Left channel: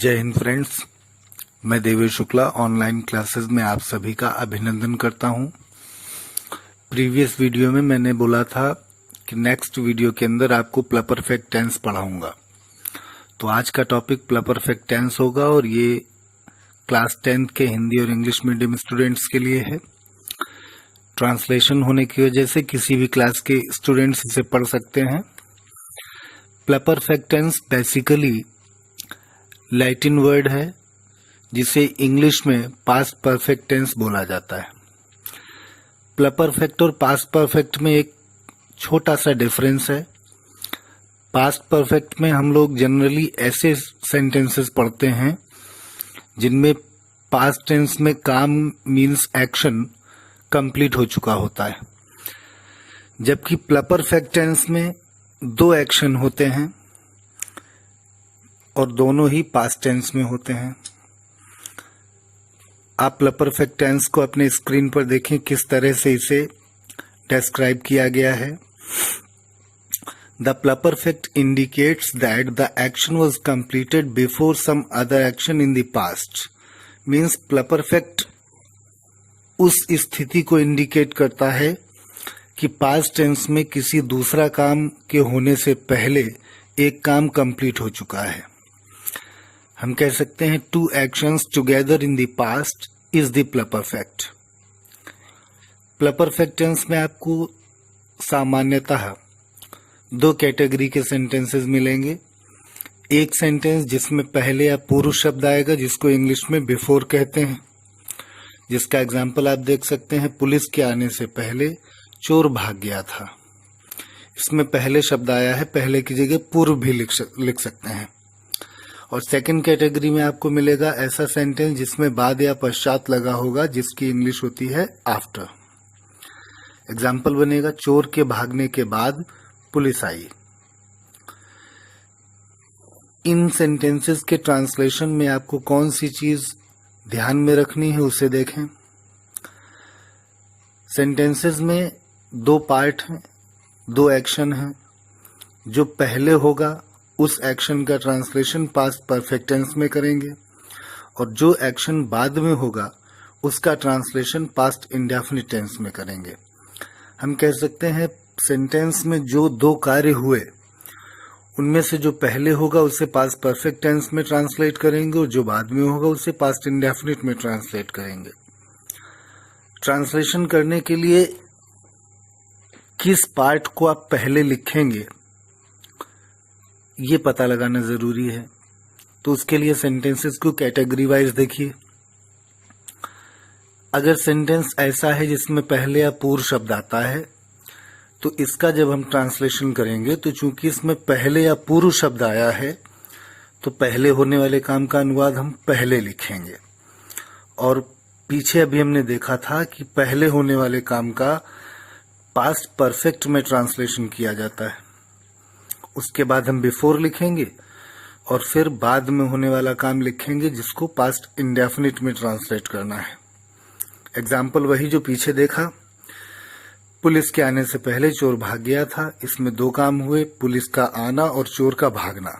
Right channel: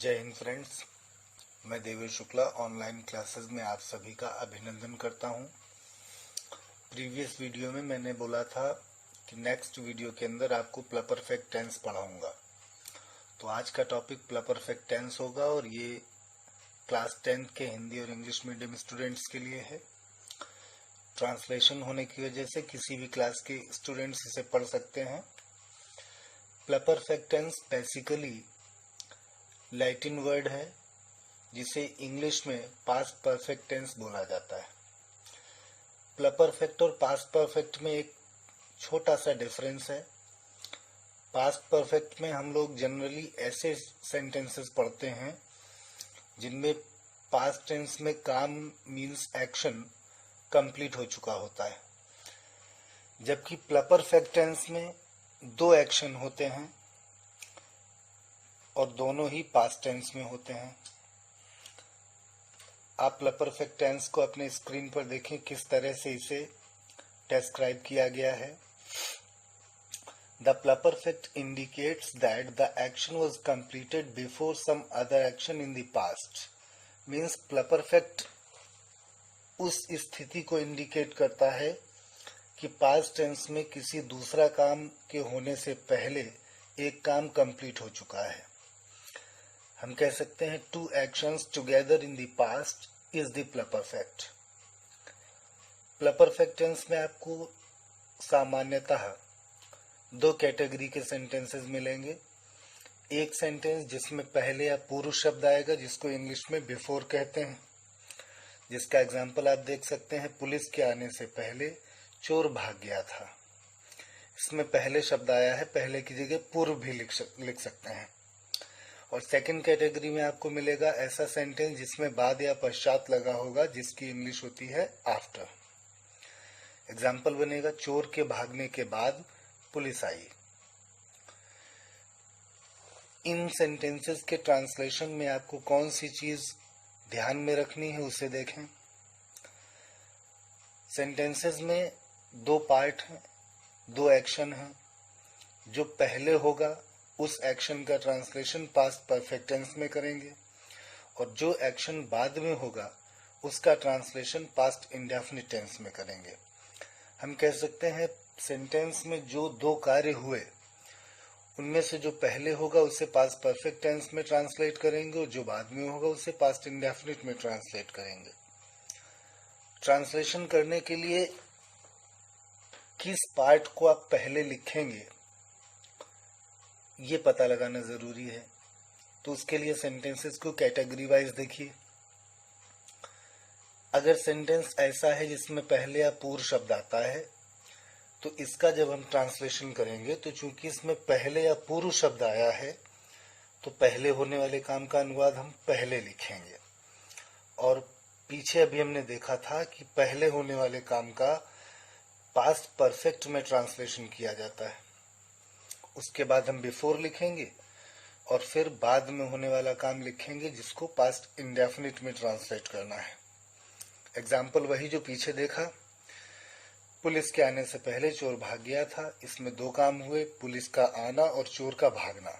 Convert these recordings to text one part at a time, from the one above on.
जय हिंद फ्रेंड्स, मैं Devesh Shukla online classes में आप सभी का अभिनंदन करता हूं। प्रीवियस वीडियो में मैंने बोला था कि नेक्स्ट वीडियो के अंदर आपको प्लपरफेक्ट टेंस पढ़ाऊंगा। तो आज का टॉपिक प्लपरफेक्ट टेंस होगा और ये क्लास 10th के हिंदी और इंग्लिश मीडियम स्टूडेंट्स के लिए है। ट्रांसलेशन होने की वजह से किसी भी क्लास के स्टूडेंट्स इसे पढ़ सकते हैं। प्लपरफेक्ट टेंस बेसिकली लैटिन वर्ड है जिसे इंग्लिश में पास्ट परफेक्ट टेंस बोला जाता है। प्लपरफेक्ट और पास्ट परफेक्ट में एक छोटा सा डिफरेंस है। पास्ट परफेक्ट में हम लोग जनरली ऐसे सेंटेंसेस पढ़ते हैं जिनमें पास्ट टेंस में काम मीन्स एक्शन कंप्लीट हो चुका होता है, जबकि प्लपरफेक्ट टेंस में दो एक्शन होते हैं और दोनों ही पास्ट टेंस में होते हैं। आप प्लपरफेक्ट टेंस को अपने स्क्रीन पर देखें किस तरह से इसे डिस्क्राइब किया गया है। The pluperfect indicates that the action was completed before some other action in the past. Means pluperfect उस स्थिति को इंडिकेट करता है कि पास्ट टेंस में किसी दूसरा काम के होने से पहले एक काम कंप्लीट हो चुका है। हम कह सकते हैं two actions together in the past is the pluperfect. Pluperfect tense में आपको सामान्यतः दो कैटेगरी के सेंटेंसेस मिलेंगे। एक सेंटेंस जिसमें पहले या पूर्व शब्द आएगा जिसको इंग्लिश में बिफोर कहते हैं, जिसका एग्जाम्पल आप देख सकते हैं, पुलिस के आने से पहले चोर भाग गया था। इसमें पहले शब्द आया है, पहले की जगह पूर्व भी लिख सकते हैं। और सेकंड कैटेगरी में आपको मिलेगा ऐसा सेंटेंस जिसमें बाद या पश्चात लगा होगा, जिसकी इंग्लिश होती है आफ्टर। एग्जाम्पल बनेगा चोर के भागने के बाद पुलिस आई। इन सेंटेंसेस के ट्रांसलेशन में आपको कौन सी चीज ध्यान में रखनी है उसे देखें। सेंटेंसेस में दो पार्ट हैं, दो एक्शन हैं। जो पहले होगा उस एक्शन का ट्रांसलेशन पास्ट परफेक्ट टेंस में करेंगे और जो एक्शन बाद में होगा उसका ट्रांसलेशन पास्ट इंडेफिनिट टेंस में करेंगे। हम कह सकते हैं सेंटेंस में जो दो कार्य हुए उनमें से जो पहले होगा उसे पास्ट परफेक्ट टेंस में ट्रांसलेट करेंगे और जो बाद में होगा उसे पास्ट इंडेफिनिट में ट्रांसलेट करेंगे। ट्रांसलेशन करने के लिए किस पार्ट को आप पहले लिखेंगे ये पता लगाना जरूरी है। तो उसके लिए सेंटेंसेस को कैटेगरी वाइज देखिए। अगर सेंटेंस ऐसा है जिसमें पहले या पूर्व शब्द आता है तो इसका जब हम ट्रांसलेशन करेंगे तो चूंकि इसमें पहले या पूर्व शब्द आया है तो पहले होने वाले काम का अनुवाद हम पहले लिखेंगे। और पीछे अभी हमने देखा था कि पहले होने वाले काम का पास्ट परफेक्ट में ट्रांसलेशन किया जाता है। उसके बाद हम बिफोर लिखेंगे और फिर बाद में होने वाला काम लिखेंगे जिसको पास्ट इंडेफिनिट में ट्रांसलेट करना है। एग्जाम्पल वही जो पीछे देखा, पुलिस के आने से पहले चोर भाग गया था। इसमें दो काम हुए, पुलिस का आना और चोर का भागना।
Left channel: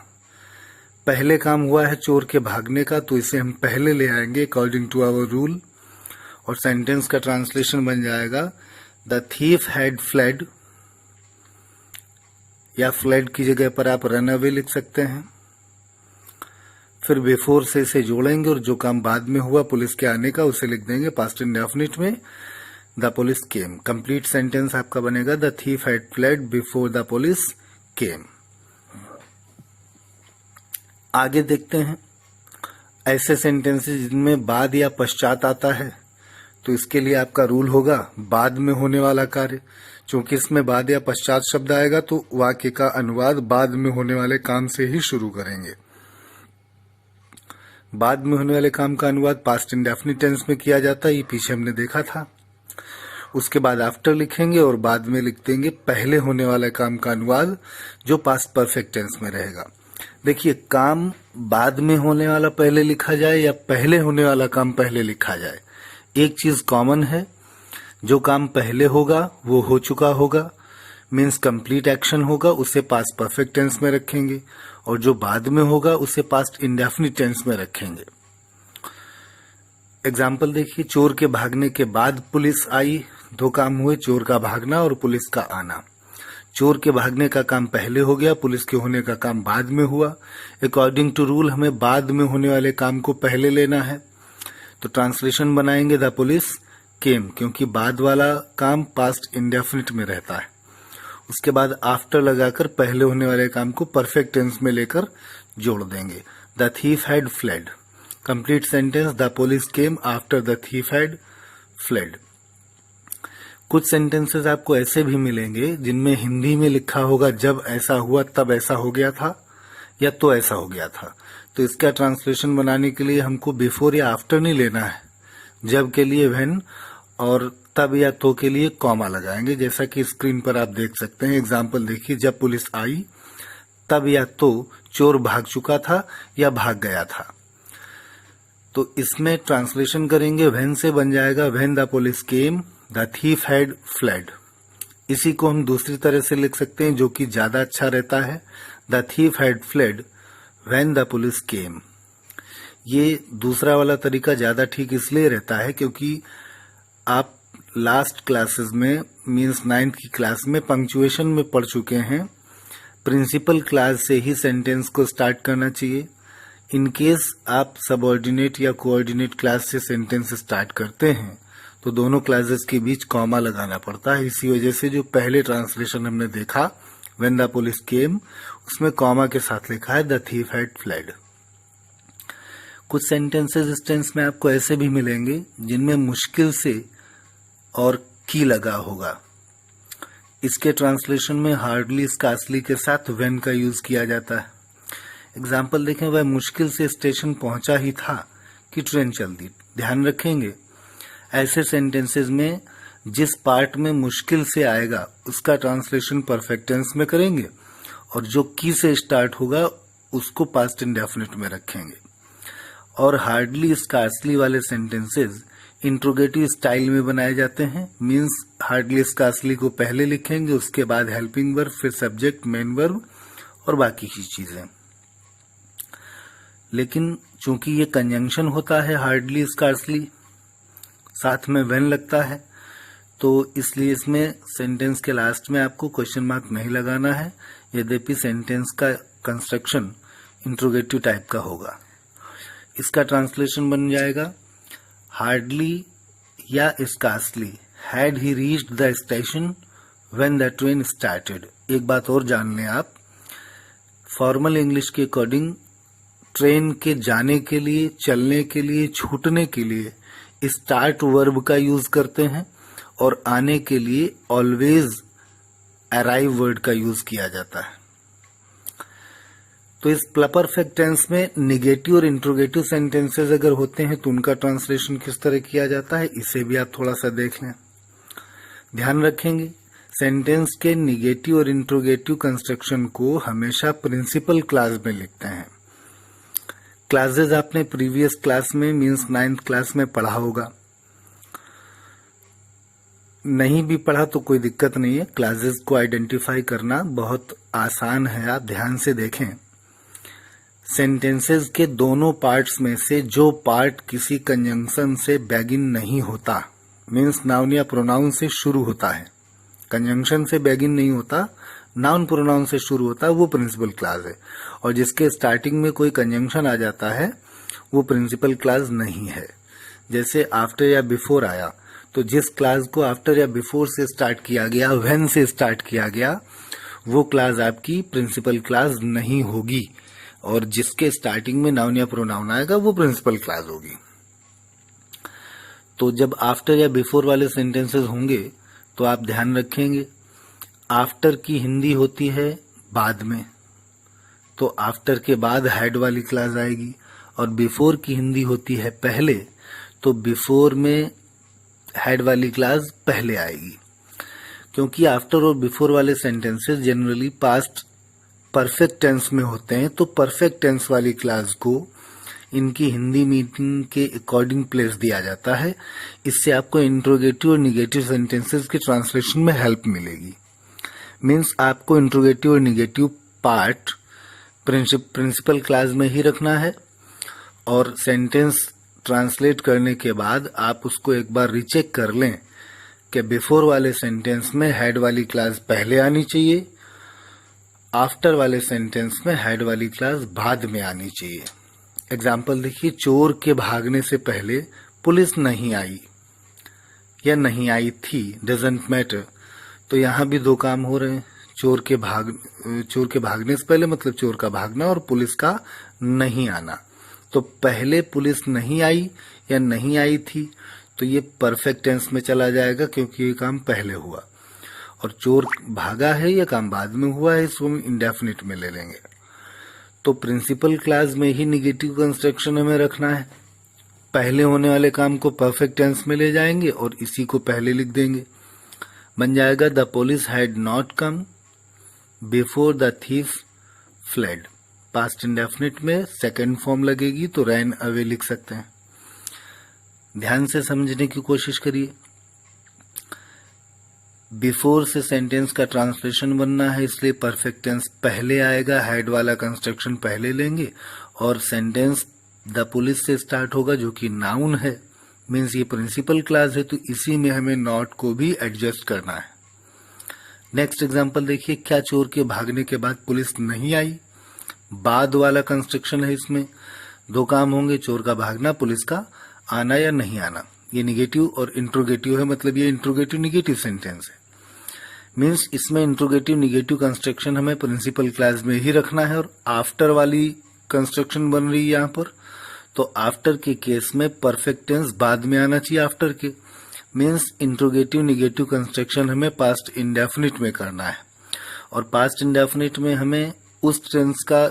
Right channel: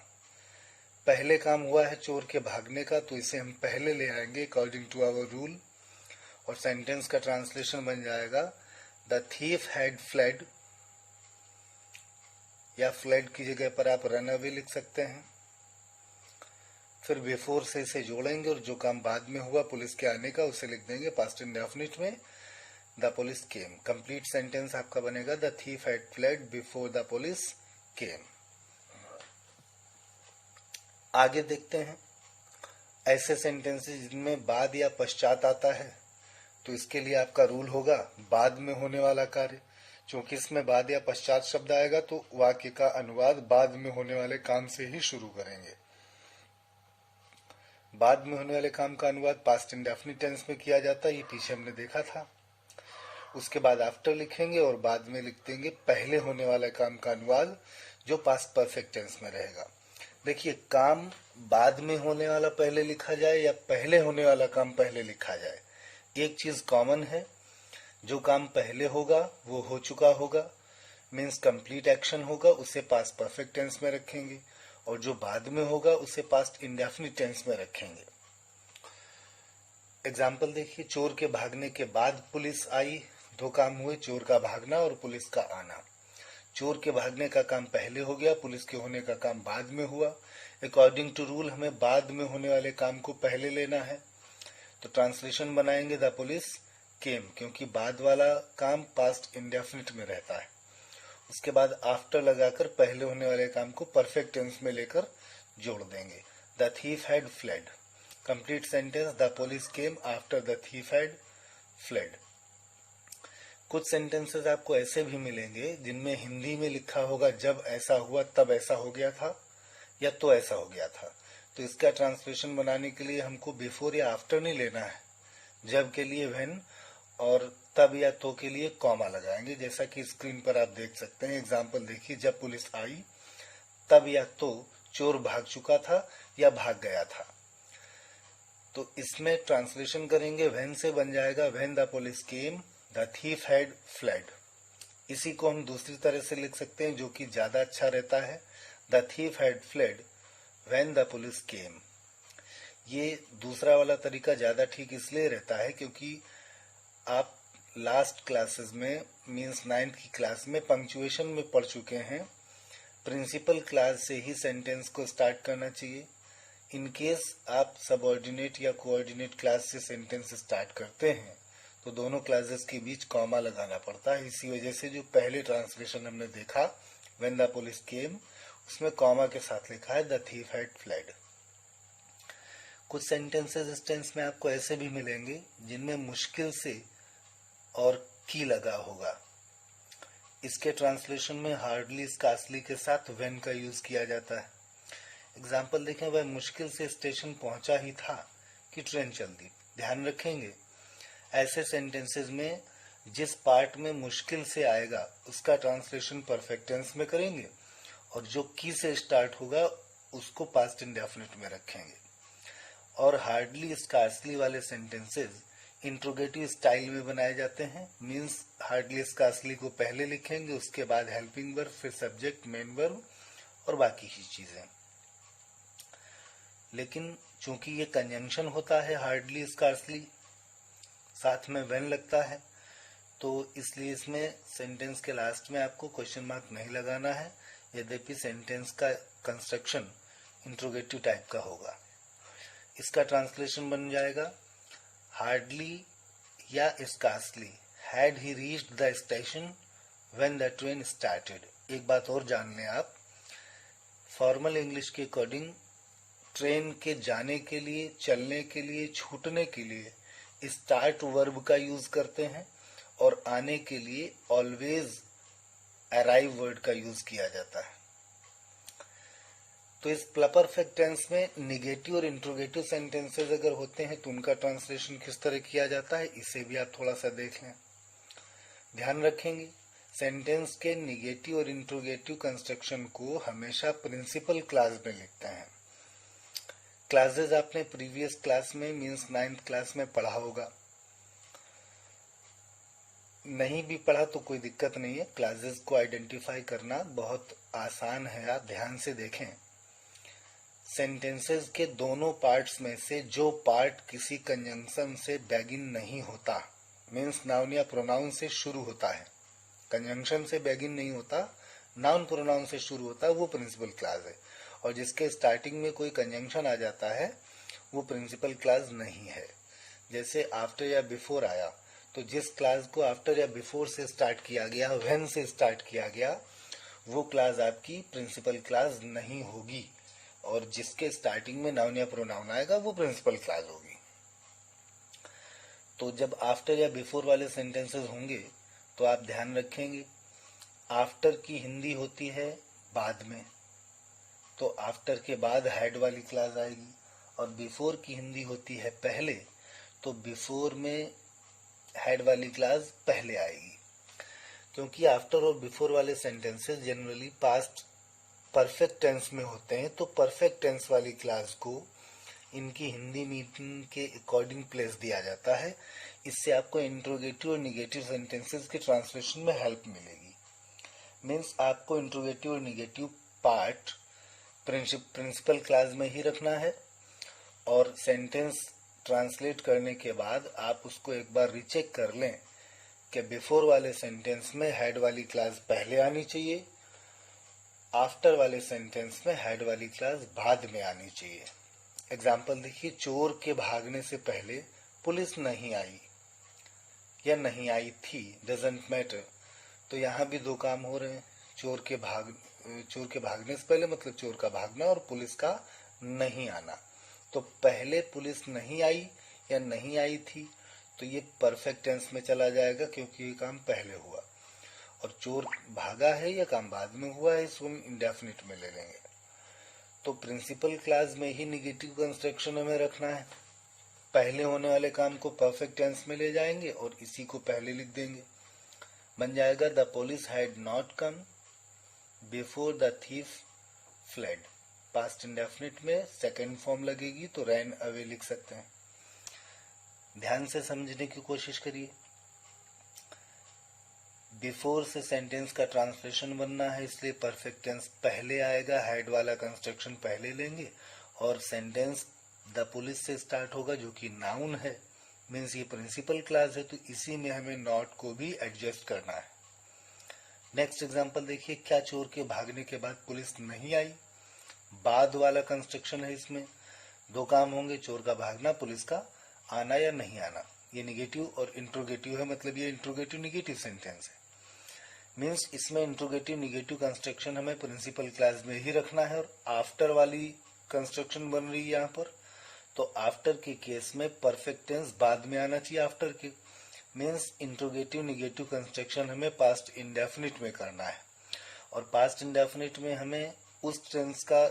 पहले काम हुआ है चोर के भागने का, तो इसे हम पहले ले आएंगे अकॉर्डिंग टू आवर रूल और सेंटेंस का ट्रांसलेशन बन जाएगा द थीफ हैड फ्लेड, या फ्लेड की जगह पर आप रन अवे लिख सकते हैं। फिर बिफोर से इसे जोड़ेंगे और जो काम बाद में हुआ पुलिस के आने का उसे लिख देंगे पास्ट इंडेफिनिट में the police came. Complete sentence आपका बनेगा the thief had fled before the police केम। आगे देखते हैं ऐसे सेंटेंसेस जिनमें बाद या पश्चात आता है। तो इसके लिए आपका रूल होगा बाद में होने वाला कार्य। क्योंकि इसमें बाद या पश्चात शब्द आएगा तो वाक्य का अनुवाद बाद में होने वाले काम से ही शुरू करेंगे। बाद में होने वाले काम का अनुवाद पास्ट इंडेफिनिट टेंस में किया जाता है, ये पीछे हमने देखा था। उसके बाद आफ्टर लिखेंगे और बाद में लिख देंगे पहले होने वाले काम का अनुवाद जो पास्ट परफेक्ट टेंस में रहेगा। देखिए, काम बाद में होने वाला पहले लिखा जाए या पहले होने वाला काम पहले लिखा जाए, एक चीज कॉमन है, जो काम पहले होगा वो हो चुका होगा, मीन्स कंप्लीट एक्शन होगा, उसे पास्ट परफेक्ट टेंस में रखेंगे और जो बाद में होगा उसे पास्ट इंडेफिनिट टेंस में रखेंगे। एग्जाम्पल देखिए, चोर के भागने के बाद पुलिस आई। दो काम हुए, चोर का भागना और पुलिस का आना। चोर के भागने का काम पहले हो गया, पुलिस के होने का काम बाद में हुआ। अकॉर्डिंग टू रूल हमें बाद में होने वाले काम को पहले लेना है, तो ट्रांसलेशन बनाएंगे द पुलिस केम, क्योंकि बाद वाला काम पास्ट इंडेफिनिट में रहता है। उसके बाद आफ्टर लगाकर पहले होने वाले काम को परफेक्ट टेंस में लेकर जोड़ देंगे। The thief had fled. Complete sentence, the police came after the thief had fled. कुछ सेंटेंसेस आपको ऐसे भी मिलेंगे जिनमें हिंदी में लिखा होगा जब ऐसा हुआ तब ऐसा हो गया था, या तो ऐसा हो गया था। तो इसका ट्रांसलेशन बनाने के लिए हमको बिफोर या आफ्टर नहीं लेना है। जब के लिए व्हेन और तब या तो के लिए कॉमा लगाएंगे, जैसा कि स्क्रीन पर आप देख सकते हैं। एग्जाम्पल देखिए, जब पुलिस आई तब या तो चोर भाग चुका था या भाग गया था। तो इसमें ट्रांसलेशन करेंगे, व्हेन से बन जाएगा when the police came the thief had fled. इसी को हम दूसरी तरह से लिख सकते हैं जो कि ज्यादा अच्छा रहता है, the thief had fled when the police केम। ये दूसरा वाला तरीका ज्यादा ठीक इसलिए रहता है क्योंकि आप लास्ट क्लासेस में मींस 9th की क्लास में पंक्चुएशन में पढ़ चुके हैं। प्रिंसिपल क्लास से ही सेंटेंस को स्टार्ट करना चाहिए। इन केस आप सबऑर्डिनेट या कोऑर्डिनेट क्लास से सेंटेंस स्टार्ट करते हैं तो दोनों क्लासेस के बीच कॉमा लगाना पड़ता है। इसी वजह से जो पहले ट्रांसलेशन हमने देखा व्हेन द पुलिस केम, उसमें कॉमा के साथ लिखा है द थीफ हैड फ्लेड। कुछ सेंटेंसेस इस टेंस में आपको ऐसे भी मिलेंगे जिनमें मुश्किल से और की लगा होगा। इसके ट्रांसलेशन में हार्डली स्कार्सली के साथ व्हेन का यूज किया जाता है। एग्जाम्पल देखें, वह मुश्किल से स्टेशन पहुंचा ही था कि ट्रेन चल दी। ध्यान रखेंगे, ऐसे सेंटेंसेस में जिस पार्ट में मुश्किल से आएगा उसका ट्रांसलेशन परफेक्ट टेंस में करेंगे और जो की से स्टार्ट होगा उसको पास्ट इंडेफिनिट में रखेंगे। और हार्डली स्कार्सली वाले सेंटेंसेस इंट्रोगेटिव स्टाइल में बनाए जाते हैं। मींस हार्डली स्कार्सली को पहले लिखेंगे, उसके बाद हेल्पिंग वर्ब, फिर सब्जेक्ट, मेन वर्ब और बाकी की चीजें। लेकिन चूंकि ये कंजंक्शन होता है हार्डली स्कार्सली, साथ में व्हेन लगता है, तो इसलिए इसमें सेंटेंस के लास्ट में आपको क्वेश्चन मार्क नहीं लगाना है। यद्यपि सेंटेंस का कंस्ट्रक्शन इंट्रोगेटिव टाइप का होगा। इसका ट्रांसलेशन बन जाएगा हार्डली या scarcely had he reached the station when the train started. एक बात और जान लें आप, फॉर्मल इंग्लिश के अकॉर्डिंग ट्रेन के जाने के लिए, चलने के लिए, छूटने के लिए स्टार्ट वर्ब का यूज करते हैं और आने के लिए ऑलवेज अराइव वर्ड का यूज किया जाता है। तो इस परफेक्ट टेंस में निगेटिव और इंट्रोगेटिव सेंटेंसेस अगर होते हैं तो उनका ट्रांसलेशन किस तरह किया जाता है, इसे भी आप थोड़ा सा देख लें। ध्यान रखेंगे, सेंटेंस के निगेटिव और इंट्रोगेटिव कंस्ट्रक्शन को हमेशा प्रिंसिपल क्लास में लिखते हैं। क्लासेस आपने प्रीवियस क्लास में मींस 9th क्लास में पढ़ा होगा। नहीं भी पढ़ा तो कोई दिक्कत नहीं है, क्लासेस को आइडेंटिफाई करना बहुत आसान है। आप ध्यान से देखें, सेंटेंसेस के दोनों पार्ट्स में से जो पार्ट किसी कंजंक्शन से बैगिन नहीं होता, मींस नाउन या प्रोनाउन से शुरू होता है, कंजंक्शन से बैगिन नहीं होता, नाउन प्रोनाउन से शुरू होता है, वो प्रिंसिपल क्लास है। और जिसके स्टार्टिंग में कोई कंजंक्शन आ जाता है वो प्रिंसिपल क्लास नहीं है। जैसे आफ्टर या बिफोर आया, तो जिस क्लास को आफ्टर या बिफोर से स्टार्ट किया गया, व्हेन से स्टार्ट किया गया, वो क्लास आपकी प्रिंसिपल क्लास नहीं होगी। और जिसके स्टार्टिंग में नाउन या प्रोनाउन आएगा वो प्रिंसिपल क्लास होगी। तो जब आफ्टर या बिफोर वाले सेंटेंसेस होंगे तो आप ध्यान रखेंगे, आफ्टर की हिंदी होती है बाद में, तो आफ्टर के बाद हैड वाली क्लास आएगी। और बिफोर की हिंदी होती है पहले, तो बिफोर में हैड वाली क्लास पहले आएगी। क्योंकि आफ्टर और बिफोर वाले sentences generally past perfect tense में होते हैं, तो परफेक्ट टेंस वाली क्लास को इनकी हिंदी मीनिंग के अकॉर्डिंग प्लेस दिया जाता है। इससे आपको इंट्रोगेटिव और निगेटिव सेंटेंसेस के ट्रांसलेशन में हेल्प मिलेगी। मीन्स आपको इंट्रोगेटिव और निगेटिव पार्ट प्रिंसिपल क्लास में ही रखना है और सेंटेंस ट्रांसलेट करने के बाद आप उसको एक बार रीचेक कर लें कि बिफोर वाले सेंटेंस में हेड वाली क्लास पहले आनी चाहिए, आफ्टर वाले सेंटेंस में हेड वाली क्लास बाद में आनी चाहिए। एग्जाम्पल देखिए, चोर के भागने से पहले पुलिस नहीं आई या नहीं आई थी, डजंट मैटर। तो यहाँ भी दो काम हो रहे हैं, चोर के भागने से पहले मतलब चोर का भागना और पुलिस का नहीं आना। तो पहले पुलिस नहीं आई या नहीं आई थी तो ये परफेक्ट टेंस में चला जाएगा क्योंकि ये काम पहले हुआ, और चोर भागा है या काम बाद में हुआ है इसको हम इंडेफिनिट में ले लेंगे। तो प्रिंसिपल क्लास में ही निगेटिव कंस्ट्रक्शन हमें रखना है, पहले होने वाले काम को परफेक्ट टेंस में ले जाएंगे और इसी को पहले लिख देंगे। बन जाएगा the police had not come before the thief fled. Past indefinite में सेकंड फॉर्म लगेगी तो रैन अवे लिख सकते हैं। ध्यान से समझने की कोशिश करिए। बिफोर से सेंटेंस का ट्रांसलेशन बनना है इसलिए परफेक्ट टेंस पहले आएगा, हेड वाला कंस्ट्रक्शन पहले लेंगे और सेंटेंस द पुलिस से स्टार्ट होगा जो कि नाउन है, मीन्स ये प्रिंसिपल क्लास है तो इसी में हमें नॉट को भी एडजस्ट करना है। नेक्स्ट एग्जांपल देखिए, क्या चोर के भागने के बाद पुलिस नहीं आई? बाद वाला कंस्ट्रक्शन है, इसमें दो काम होंगे, चोर का भागना, पुलिस का आना या नहीं आना। ये निगेटिव और इंट्रोगेटिव है, मतलब ये इंट्रोगेटिव निगेटिव सेंटेंस है, मीन्स इसमें इंट्रोगेटिव निगेटिव कंस्ट्रक्शन हमें प्रिंसिपल क्लास में ही रखना है और आफ्टर वाली कंस्ट्रक्शन बन रही है यहाँ पर, तो आफ्टर के केस में परफेक्ट टेंस बाद में आना चाहिए आफ्टर के, मीन्स इंट्रोगेटिव निगेटिव कंस्ट्रक्शन हमें पास्ट इंडेफिनिट में करना है और पास्ट इंडेफिनिट में हमें उस टेंस का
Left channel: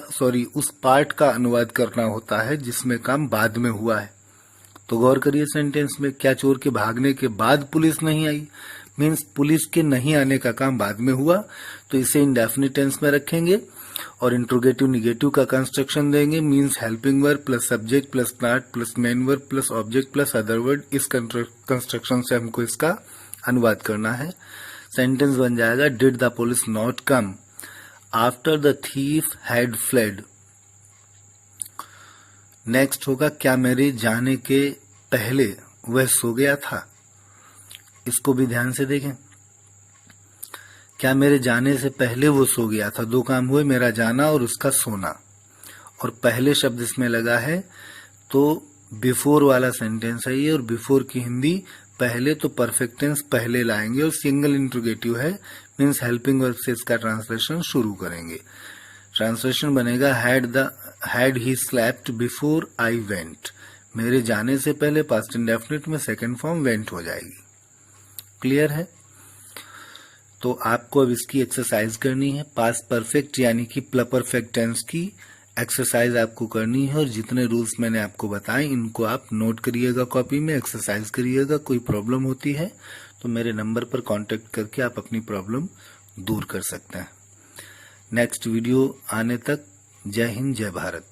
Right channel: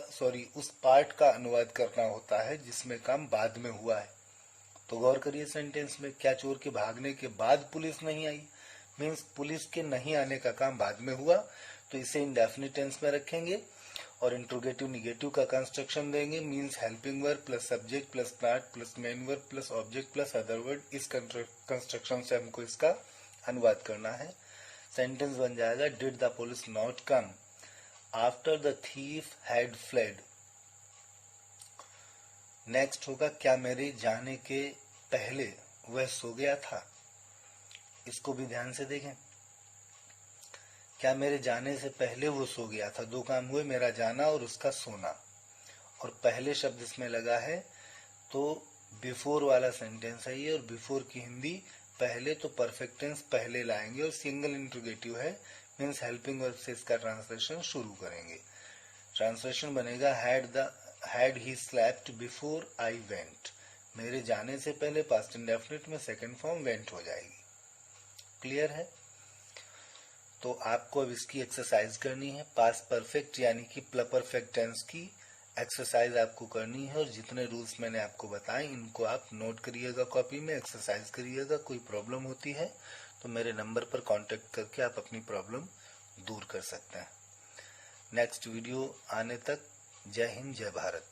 उस पार्ट का अनुवाद करना होता है जिसमें काम बाद में हुआ है। तो गौर करिए सेंटेंस में, क्या चोर के भागने के बाद पुलिस नहीं आई, मीन्स पुलिस के नहीं आने का काम बाद में हुआ तो इसे इंडेफिनिट टेंस में रखेंगे और इंट्रोगेटिव निगेटिव का कंस्ट्रक्शन देंगे, means helping verb plus subject plus part plus main verb plus object plus other word. इस कंस्ट्रक्शन से हमको इसका अनुवाद करना है। सेंटेंस बन जाएगा did the police not come after the thief had fled. Next होगा, क्या मेरे जाने के पहले वह सो गया था? इसको भी ध्यान से देखें, क्या मेरे जाने से पहले वो सो गया था? दो काम हुए, मेरा जाना और उसका सोना, और पहले शब्द इसमें लगा है तो बिफोर वाला सेंटेंस है ये, और बिफोर की हिंदी पहले, तो परफेक्ट टेंस पहले लाएंगे और सिंगल इंट्रोगेटिव है, मीन्स हेल्पिंग वर्ब से इसका ट्रांसलेशन शुरू करेंगे। ट्रांसलेशन बनेगा had he slapped before I went. मेरे जाने से पहले पास्ट इंडेफिनिट में सेकंड फॉर्म वेंट हो जाएगी। क्लियर है? तो आपको अब इसकी एक्सरसाइज करनी है, पास्ट परफेक्ट यानी कि प्लपरफेक्ट टेंस की एक्सरसाइज आपको करनी है और जितने रूल्स मैंने आपको बताए इनको आप नोट करिएगा, कॉपी में एक्सरसाइज करिएगा। कोई प्रॉब्लम होती है तो मेरे नंबर पर कांटेक्ट करके आप अपनी प्रॉब्लम दूर कर सकते हैं। नेक्स्ट वीडियो आने तक जय हिंद, जय भारत।